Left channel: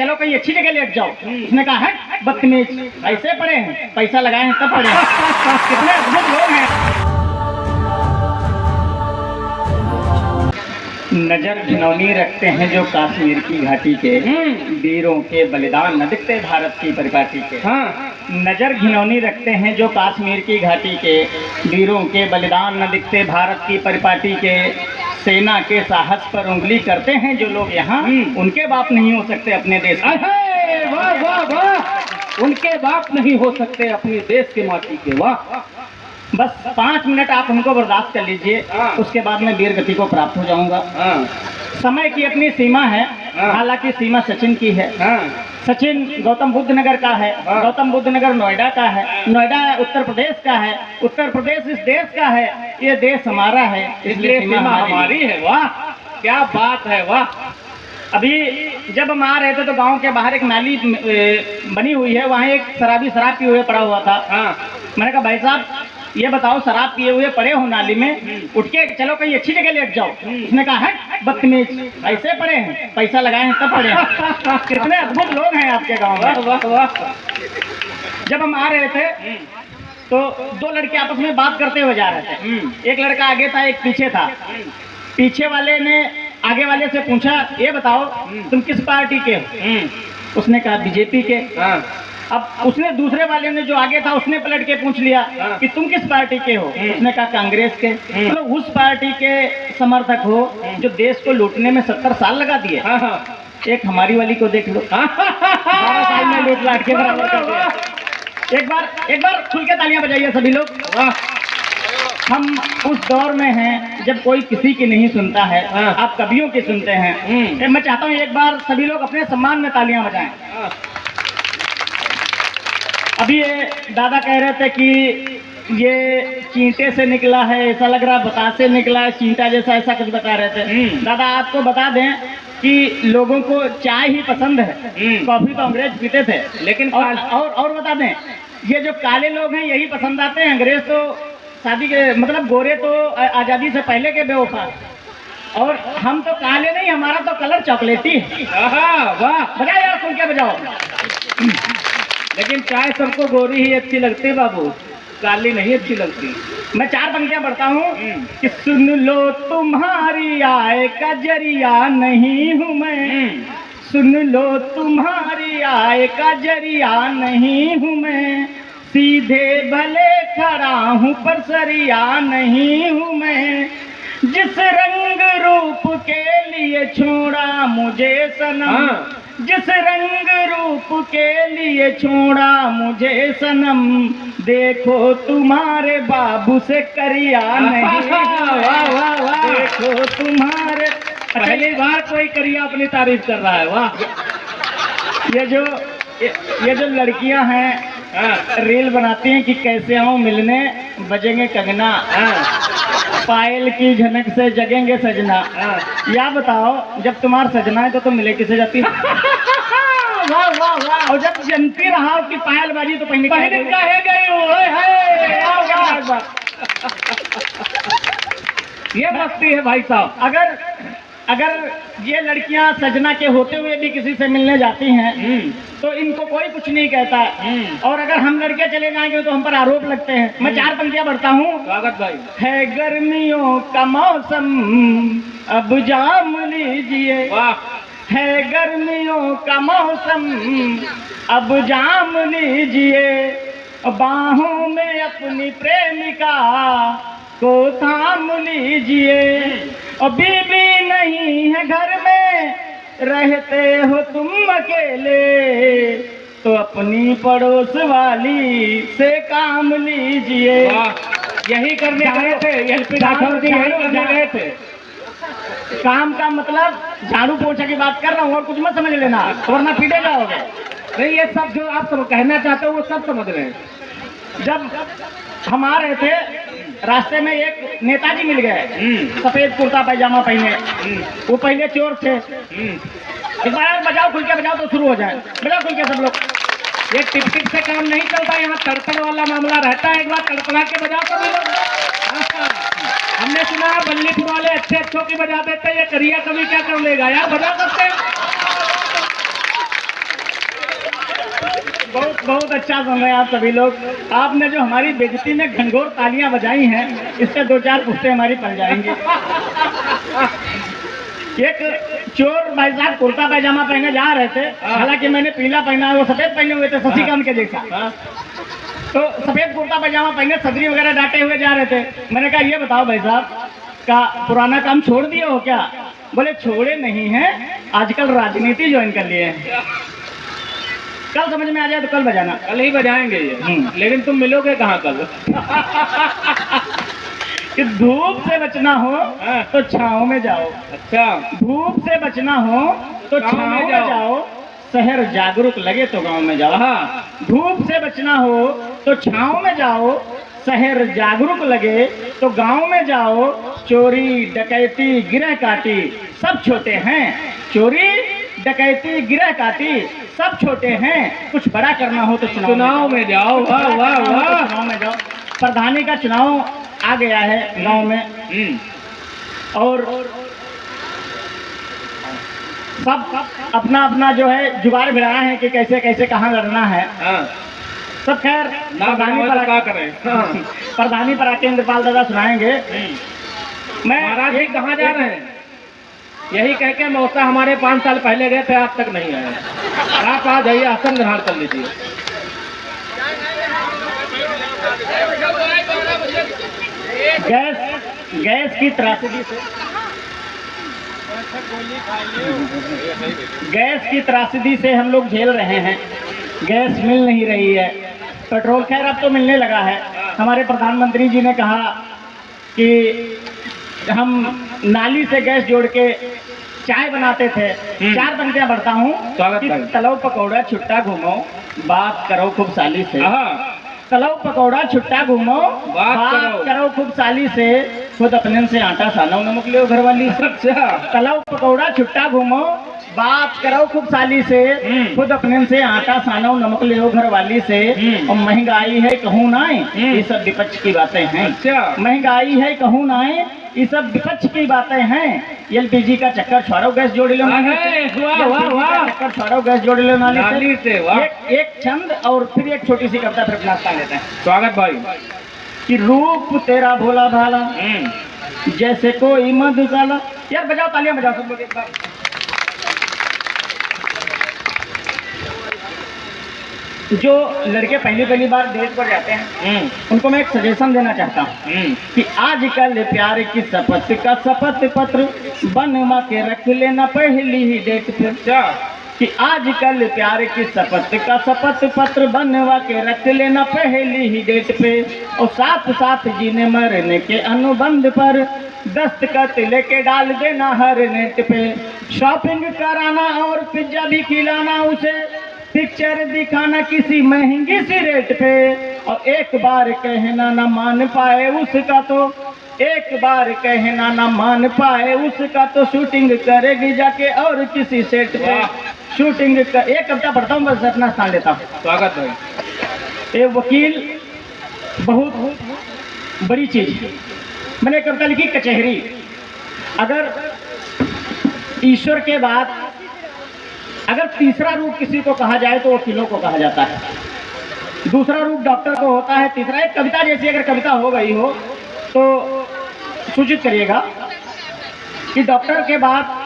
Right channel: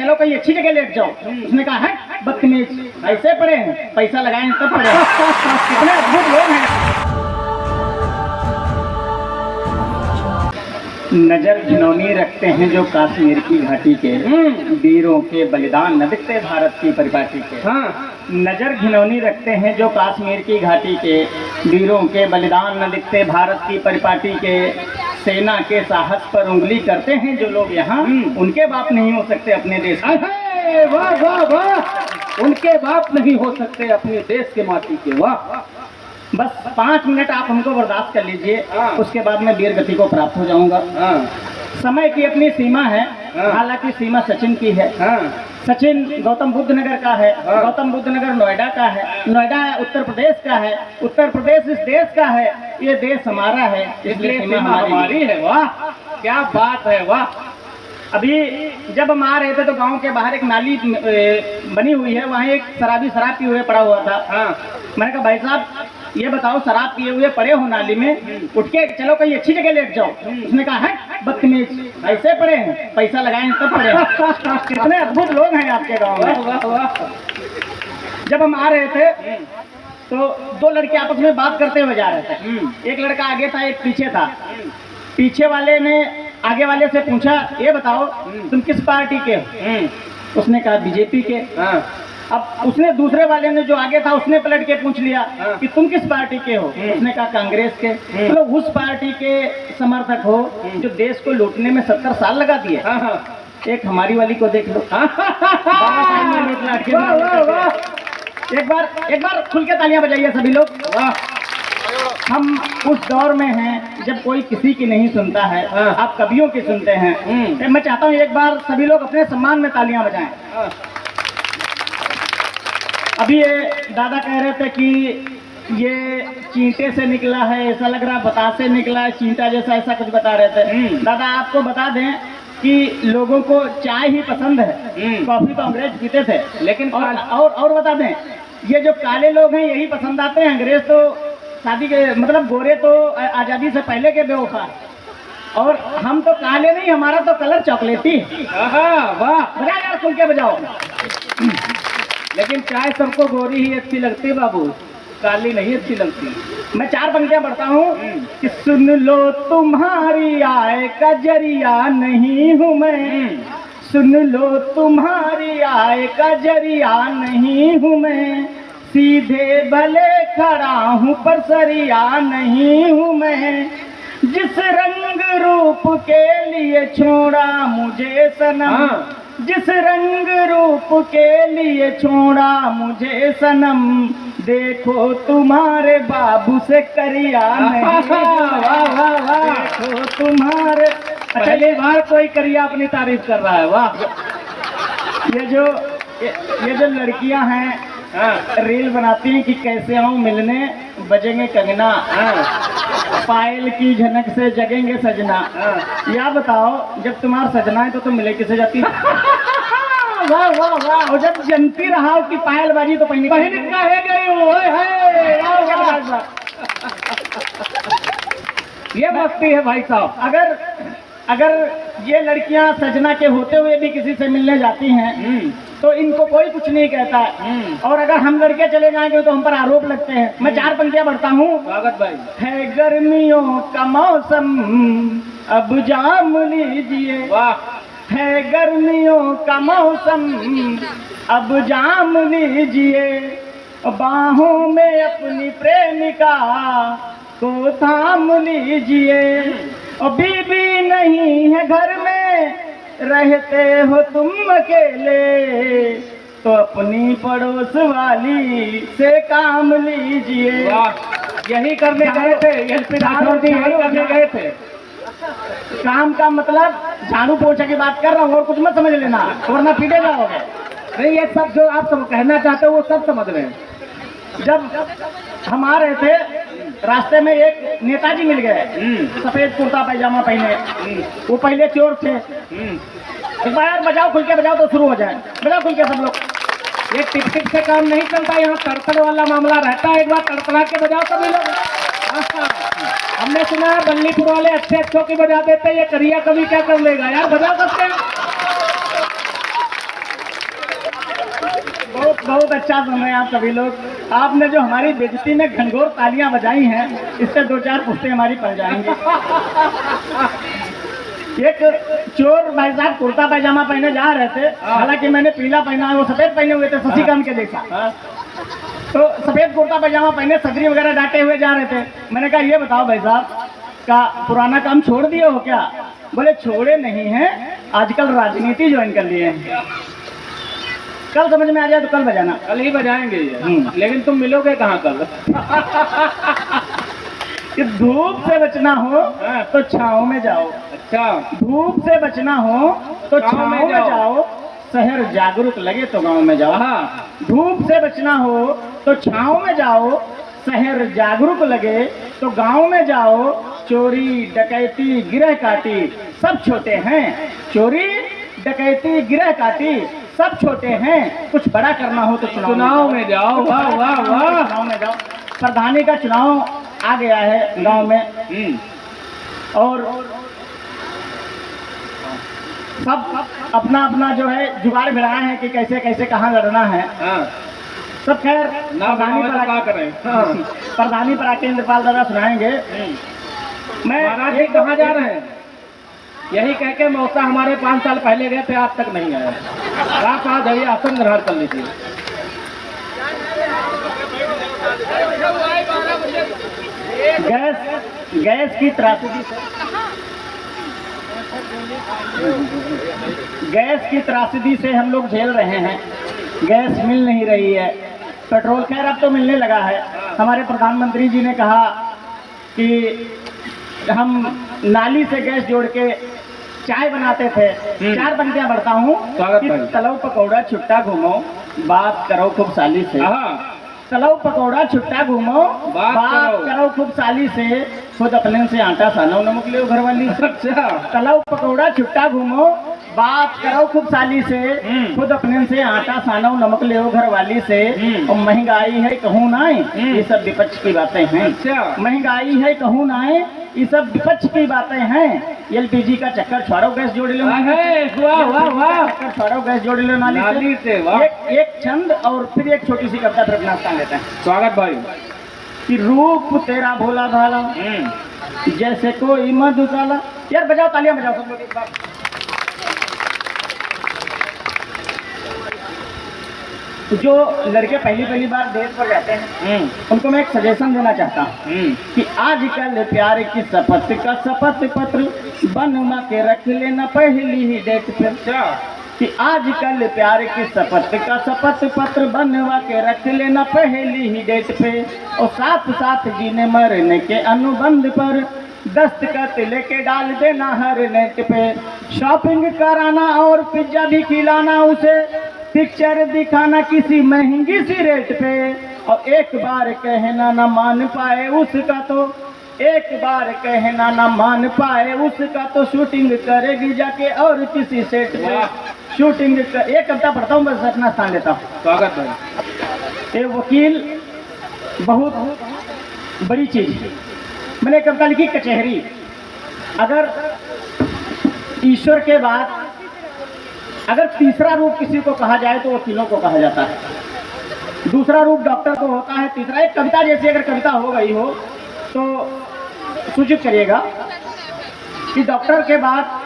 चलो कहीं अच्छी जगह लेट जाओ। उसने कहा है बदतमीज, ऐसे पड़े हैं, पैसा लगाए हैं तब पड़े हैं। कितने अद्भुत लोग हैं। नजर घिनौनी रखते हैं जो कश्मीर की घाटी के, वीरों के बलिदान न दिखते भारत की परिपाटी के। हाँ, नजर घिनौनी रखते हैं जो कश्मीर की घाटी के, वीरों के बलिदान न दिखते भारत की परिपाटी के। सेना के साहस पर उंगली करते हैं जो लोग यहाँ, उनके बाप नहीं हो सकते अपने देश के। वाह वाह वाह, उनके बाप नहीं हो सकते अपने देश के माटी के। वाह, बस 5 मिनट आप हमको बर्दाश्त कर लीजिए, उसके बाद मैं वीर गति को प्राप्त हो जाऊंगा। समय की अपनी सीमा है, हालांकि सीमा सचिन की है। सचिन गौतम बुद्ध नगर का है, गौतम बुद्ध नगर नोएडा का है, नोएडा उत्तर प्रदेश का है, उत्तर प्रदेश इस देश का है, ये देश हमारा है, इसलिए सीमा हमारी है। वाह क्या बात है, वाह। अभी जब हम आ रहे थे तो गांव के बाहर एक नाली बनी हुई है, वहाँ एक शराबी शराब पिए हुए पड़ा हुआ था। मैंने कहा भाई साहब ये बताओ, शराब पिए हुए पड़े हो नाली में, उठ के चलो कहीं अच्छी जगह लेट जाओ। उसने कहा है बदतमीज, ऐसे पड़े हैं, पैसा लगाए हैं तब पड़े हैं। कितने अद्भुत लोग हैं आपके गाँव में। वाह वाह। जब हम आ रहे थे तो 2 लड़के आपस में बात करते हुए जा रहे थे। एक लड़का आगे था, एक पीछे था। पीछे वाले ने आगे वाले से पूछा, ये बताओ तुम किस पार्टी के हो? उसने कहा बीजेपी के। अब उसने दूसरे वाले ने जो आगे था उसने पलट के पूछ लिया कि तुम किस पार्टी के हो? उसने कहा कांग्रेस के। तो उस पार्टी के समर्थक हो जो देश को लूटने में 70 साल लगा दिए। एक हमारी वाली को देख लो, 12 साल में लूट लाट के। एक बार खुल के तालियां बजाइए सभी लोग। हम उस दौर में हैं जब कोई किसी की नहीं सुनता है, आप कवियों की सुनते हैं। मैं चाहता हूँ एक बार सभी लोग अपने सम्मान में तालियां बजाएं। अभी ये दादा कह रहे थे कि ये चींटे से निकला है, ऐसा लग रहा बतास से निकला है, चींटा जैसा, ऐसा कुछ बता रहे थे। दादा आपको बता दें कि लोगों को चाय ही पसंद है, कॉफी तो अंग्रेज पीते थे। लेकिन और बता दें, ये जो काले लोग हैं यही पसंद आते हैं, अंग्रेज तो शादी के मतलब गोरे तो आजादी से पहले के बेवफा, और हम तो काले नहीं, हमारा तो कलर चॉकलेटी है। वाह, बजाओ यार, खुल के बजाओ। लेकिन चाय सबको गोरी ही अच्छी लगती है बाबू, काली नहीं अच्छी लगती। मैं 4 पंक्तियां पढ़ता हूँ कि सुन लो तुम्हारी आय का जरिया नहीं हूँ मैं, सुन लो तुम्हारी आय का जरिया नहीं हूँ मैं, सीधे भले खड़ा हूँ पर सरिया नहीं हूँ मैं, जिस रंग रूप के लिए छोड़ा मुझे सनम, जिस रंग रूप के लिए छोड़ा मुझे सनम, देखो तुम्हारे बाबू से करिया नहीं। वाह वाह वाह, देखो तुम्हारे, पहली बार कोई करिया अपनी तारीफ कर रहा है। वाह, ये जो लड़कियां हैं रील बनाती हैं कि कैसे आऊं मिलने, बजेंगे कंगना, पायल की झनक से जगेंगे सजना। या बताओ जब तुम्हारा सजना है तो तुम मिले किसे जाती? वाह वाह वाह। और जब जनती रहा कि पायल बाजी तो पहले काहे गई हो? ये मस्ती है भाई साहब। अगर ये लड़कियां सजना के होते हुए भी किसी से मिलने जाती हैं तो इनको कोई कुछ नहीं कहता, और अगर हम लड़के चले जाएंगे तो हम पर आरोप लगते हैं। मैं 4 पंक्तियां बढ़ता हूँ। स्वागत भाई। है गर्मियों का मौसम अब जाम लीजिए, वाह, है गर्मियों का मौसम अब जाम लीजिए, बाहों में अपनी प्रेमिका को थाम लीजिए, और बीबी नहीं है घर में रहते हो तुम अकेले, तो अपनी पड़ोस वाली से काम लीजिए। यही करने गए थे, एलपी राठौर जी यही करने गए थे। काम का मतलब झाड़ू पोछा की बात कर रहा हूँ, और कुछ मत समझ लेना वरना पीटे जाओगे। नहीं, ये सब जो आप सब कहना चाहते हो वो सब समझ रहे हैं। जब हम आ रहे थे रास्ते में एक नेताजी मिल गए, सफेद कुर्ता पैजामा पहने। वो पहले चोर थे। एक बार यार बजाओ, खुल के बजाओ तो शुरू हो जाए। बजाओ खुल के सब लोग। ये टिक टिक से काम नहीं चलता, यहाँ तड़तड़ वाला मामला रहता है। एक बार तड़तड़ा के बजाओ सभी लोग। हमने सुना है बल्लीपुर वाले अच्छे अच्छों की बजा देते हैं, ये करिया कभी क्या कर लेगा यार, बजा सकते हैं। बहुत बहुत अच्छा सुन रहे हैं आप सभी लोग। आपने जो हमारी बेइज्जती में घनघोर तालियां बजाई हैं, इससे 2-4 पुश्ते हमारी पड़ जाएंगे। एक चोर भाई साहब कुर्ता पैजामा पहने जा रहे थे, हालांकि मैंने पीला पहना, वो सफेद पहने हुए थे शशिकांत के जैसा। तो सफेद कुर्ता पैजामा पहने सदरी वगैरह डांटे हुए जा रहे थे। मैंने कहा ये बताओ भाई साहब का पुराना काम छोड़ दिए हो क्या? बोले छोड़े नहीं हैं, आजकल राजनीति ज्वाइन कर लिए हैं। कल समझ में आ जाए तो कल बजाना। कल ही बजाएंगे ये। लेकिन तुम मिलोगे कहाँ कल? कि धूप से बचना हो तो छांव में जाओ। अच्छा, धूप से बचना हो तो छांव में जाओ। शहर जागरूक लगे तो गांव में जाओ। हाँ, धूप से बचना हो तो छांव में जाओ। शहर जागरूक लगे तो गांव में जाओ। चोरी डकैती गिरह काटी सब छोटे हैं। चोरी डकैती गिरह काटी सब छोटे हैं। कुछ बड़ा करना हो तो चुनाव में जाओ। वाह वाह वाह। चुनाव में जाओ। प्रधानी का चुनाव आ गया है गांव में, और सब अपना अपना जो है जुगाड़ भिड़ाया है कि कैसे कैसे कहाँ लड़ना है। सब खैर प्रधानी पर आके इंद्रपाल दादा सुनाएंगे। मैं महाराज जी कहाँ जा रहे हैं? यही कह के मौसा हमारे 5 साल पहले गए थे, आज तक नहीं आए। आप आ जाइए, आसन ग्रहण कर लीजिए। गैस की त्रासदी से हम लोग झेल रहे हैं। गैस मिल नहीं रही है। पेट्रोल खैर अब तो मिलने लगा है। हमारे प्रधानमंत्री जी ने कहा कि हम नाली से गैस जोड़ के चाय बनाते थे। 4 पंक्तियां बढ़ता हूँ कि तलो पकौड़ा छुट्टा घूमो, बात करो खूब साली से। तलो पकौड़ा छुट्टा घूमो, बात करो खूब साली से। खुद अपने से आटा सानो नमक ले घर वाली। तलो पकौड़ा छुट्टा घूमो, बात करो खूब साली से। खुद अपने से आटा सानो नमक ले घर वाली से। और महंगाई है कहूँ ना, ये सब विपक्ष की बातें हैं। महंगाई है कहूँ ना, ये सब विपक्ष की बातें हैं। एलपीजी का चक्कर छोड़ो, गैस जोड़ लो। चक्कर छोड़ो, गैस जोड़ लो नाली से। एक छंद और फिर एक छोटी सी कविता फिर नाश्ता लेते हैं। स्वागत भाई। कि रूप तेरा भोला भाला जैसे कोई मधुशाला। यार बजाओ, तालियां बजाओ सब लोग एक बार। जो लड़के पहली बार देश पर जाते हैं, उनको मैं एक सजेशन देना चाहता हूँ कि आजकल प्यार की शपथ का शपथ पत्र बनवा के रख लेना पहली ही डेट पे। कि आजकल प्यार की शपथ का शपथ पत्र बनवा के रख लेना पहली ही डेट पे। और साथ साथ जीने मरने के अनुबंध पर दस्तखत लेके डाल देना हर नेट पे। शॉपिंग कराना और पिज्जा भी खिलाना उसे, पिक्चर दिखाना किसी महंगी सी रेट पे। और एक बार कहना न मान पाए उसका तो, एक बार कहना न मान पाए उसका तो शूटिंग करेगी जाके और किसी सेट पे। शूटिंग कर, एक कविता पढ़ता हूँ बस अपना स्थान लेता हूँ। स्वागत है। ये वकील बहुत बड़ी चीज। मैंने कविता लिखी कचहरी। अगर ईश्वर के बाद अगर तीसरा रूप किसी को कहा जाए तो वकीलों को कहा जाता है। दूसरा रूप डॉक्टर को होता है। तीसरा एक कविता जैसी अगर कविता हो गई हो तो सूचित करिएगा कि डॉक्टर के बाद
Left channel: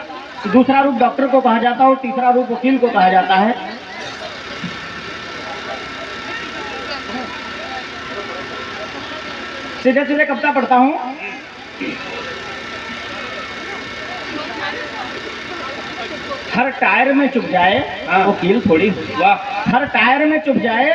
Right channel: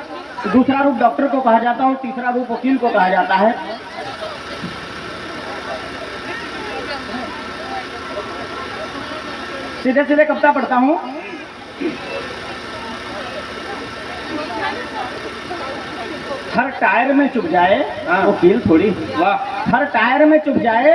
दूसरा रूप डॉक्टर को कहा जाता है और तीसरा रूप वकील को कहा जाता है। सीधे सीधे कविता पढ़ता हूँ। हर टायर में चुभ जाए वकील थोड़ी हूँ। वाह। हर टायर में चुभ जाए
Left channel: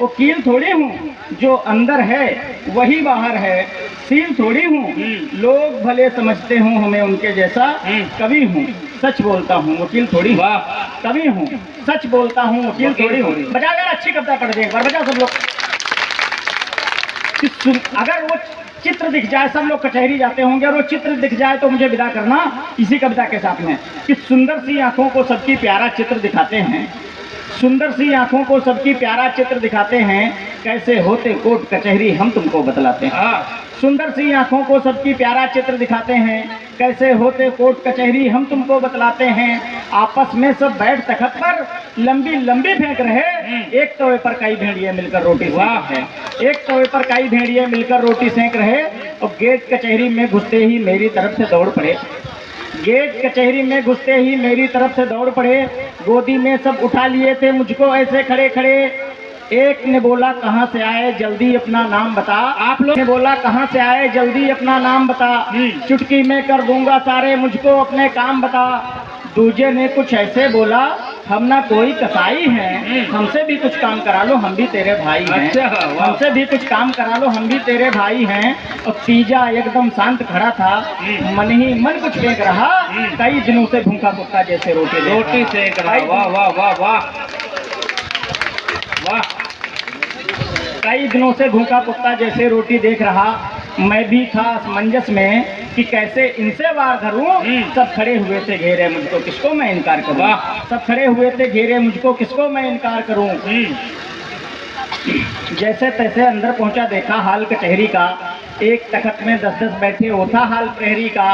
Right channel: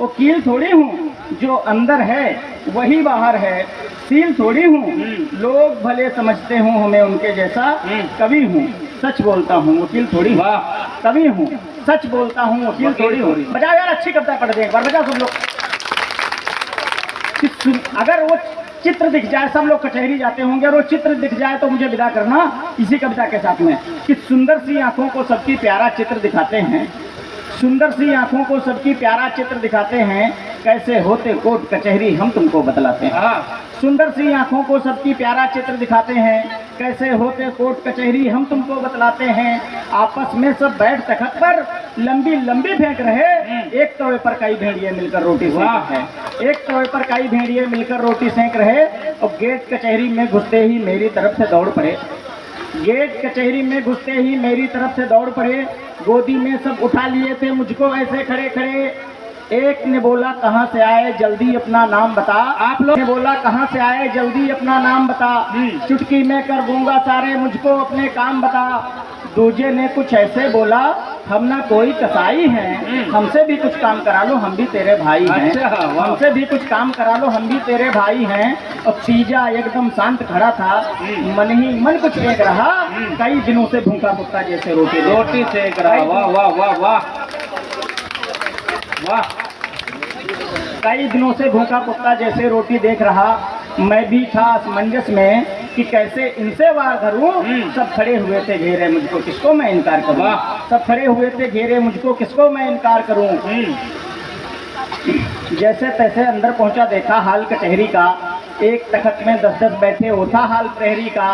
वकील थोड़ी हूँ। जो अंदर है वही बाहर है, सील थोड़ी हूँ। लोग भले समझते हूँ हमें उनके जैसा, कवि हूँ सच बोलता हूँ वकील थोड़ी। वाह। कवि हूँ सच बोलता हूँ वकील थोड़ी हूँ। बजाओ यार, अच्छी कविता पढ़ दे एक बार, बजाओ सब लोग। अगर वो चित्र दिख जाए, सब लोग कचहरी जाते होंगे और वो चित्र दिख जाए तो मुझे विदा करना इसी कविता के साथ में। कि सुंदर सी आंखों को सबकी प्यारा चित्र दिखाते हैं, सुंदर सी आंखों को सबकी प्यारा चित्र दिखाते हैं। कैसे होते कोर्ट कचहरी हम तुमको बतलाते हैं। सुंदर सी आंखों को सबकी प्यारा चित्र दिखाते हैं, कैसे होते कोर्ट कचहरी हम तुमको बतलाते हैं। आपस में सब बैठ तखत पर लंबी लंबी फेंक रहे, एक तवे पर कई भेड़िए मिलकर रोटी सेंक रहे। एक तवे पर कई भेड़िए मिलकर रोटी सेंक रहे और गेट कचहरी में घुसते ही मेरी तरफ से दौड़ पड़े। गेट कचहरी में घुसते ही मेरी तरफ से दौड़ पड़े। गोदी में सब उठा लिए थे मुझको ऐसे खड़े खड़े। एक ने बोला कहाँ से आए जल्दी अपना नाम बता। आप लोग ने बोला कहाँ से आए जल्दी अपना नाम बता। चुटकी में कर दूंगा सारे मुझको अपने काम बता। दूजे ने कुछ ऐसे बोला हम ना कोई कसाई हैं, हमसे भी कुछ काम करा लो हम भी तेरे भाई हैं। अच्छा, वाह। हमसे भी कुछ काम करा लो हम भी तेरे भाई हैं। और तीजा एकदम शांत खड़ा था, मन ही मन कुछ फेंक रहा, कई दिनों से भूखा कुत्ता जैसे रोटी सेक रहा। वाह वाह वाह वाह वाह। कई दिनों से भूखा कुत्ता जैसे रोटी देख रहा। मैं भी था असमंजस में कि कैसे इनसे वार धरूं। सब खड़े हुए थे घेरे मुझको, किसको मैं इनकार करूं। सब खड़े हुए थे घेरे मुझको, किसको मैं इनकार करूं। जैसे तैसे अंदर पहुंचा, देखा हाल कचहरी का। एक तखत में 10-10 बैठे, होता हाल प्रहरी का।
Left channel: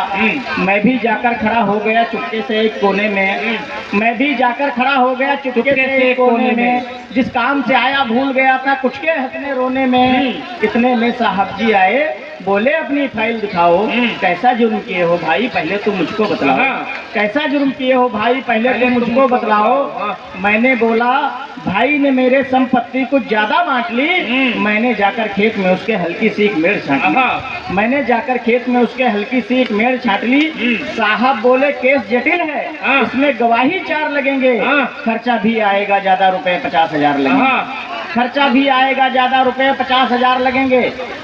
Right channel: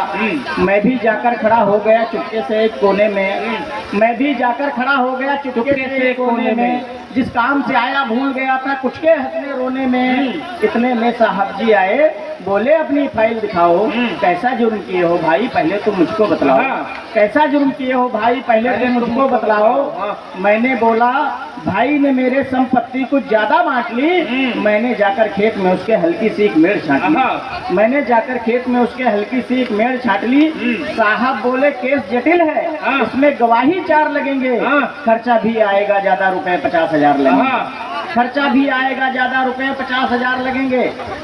मैं भी जाकर खड़ा हो गया चुपके से एक कोने में। मैं भी जाकर खड़ा हो गया चुपके से एक कोने में। जिस काम से आया भूल गया था कुछ के हंसने रोने में। इतने में साहब जी आए, बोले अपनी फाइल दिखाओ। कैसा जुर्म किए हो भाई पहले तुम मुझको बतलाओ। कैसा जुर्म किए हो भाई पहले तुम मुझको बतलाओ। मैंने बोला भाई ने मेरे संपत्ति कुछ ज्यादा बांट ली। मैंने जाकर खेत में उसके हल्की सी एक मेड़ छाट ली। मैंने जाकर खेत में उसके हल्की सी एक मेड़ छाट ली। साहब बोले केस जटिल है, इसमें गवाही 4 लगेंगे। खर्चा भी आएगा ज्यादा, रुपए 50,000 लगेंगे। खर्चा भी आएगा ज्यादा, रुपए 50,000 लगेंगे।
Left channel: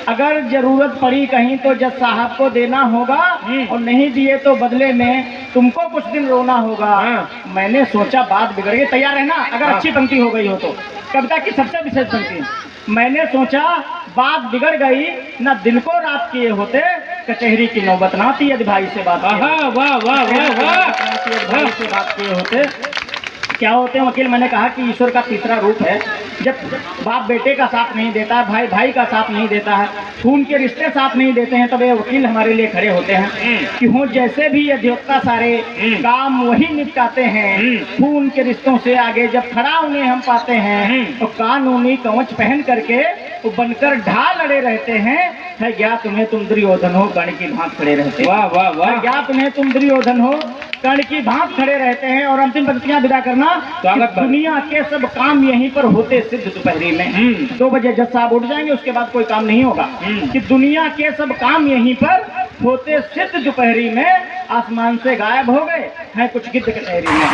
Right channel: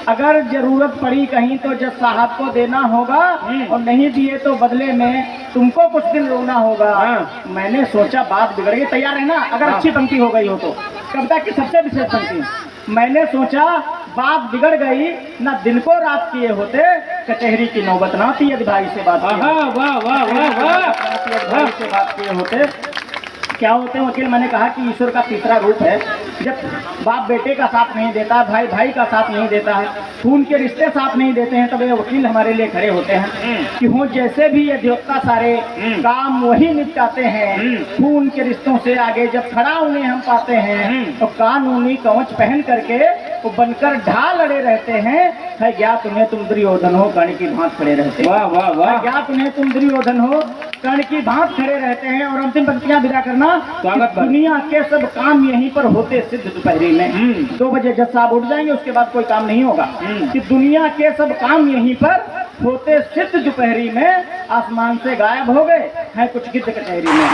अगर जरूरत पड़ी कहीं तो जज साहब को देना होगा, और नहीं दिए तो बदले में तुमको कुछ दिन रोना होगा। मैंने सोचा बात बिगड़ गई। तैयार है ना, अगर अच्छी पंक्ति हो गई हो तो। कविता की सबसे विशेष पंक्ति। मैंने सोचा बात बिगड़ गई, ना दिन को रात किए होते, कचहरी की नौबत ना थी यदि भाई से बात वाह वाह वाह वाह। भाई से बात किए होते। क्या होते हैं वकील, मैंने कहा कि ईश्वर का तीसरा रूप है। जब बाप बेटे का साथ नहीं देता, भाई भाई का साथ नहीं देता है, खून के रिश्ते साथ नहीं देते हैं, तब ये वकील हमारे लिए खड़े होते हैं कि हो जैसे भी ये देवता सारे काम वही निपटाते हैं। खून के रिश्तों से आगे जब खड़ा उन्हें हम पाते हैं, तो कानूनी कवच पहन करके वो बनकर ढाल लड़े रहते हैं। है क्या तुम्हें तुम दुर्योधन हो, कर्ण की भांत खड़े रहते हैं। वाह वाह वाह। क्या तुम्हें तुम दुर्योधन हो, कर्ण की भांत खड़े रहते हैं। और अंतिम पंक्तियां विदा करना। दुनिया के सब काम यहीं पर होते सिद्ध दोपहरी में। 2 बजे जज साहब उठ जाएंगे, उसके बाद कोई काम नहीं होगा। कि दुनिया के सब काम यहीं पर होते सिद्ध दोपहरी में। आसमान से गायब हो गए हैं कुछ गिद्ध कचहरी में।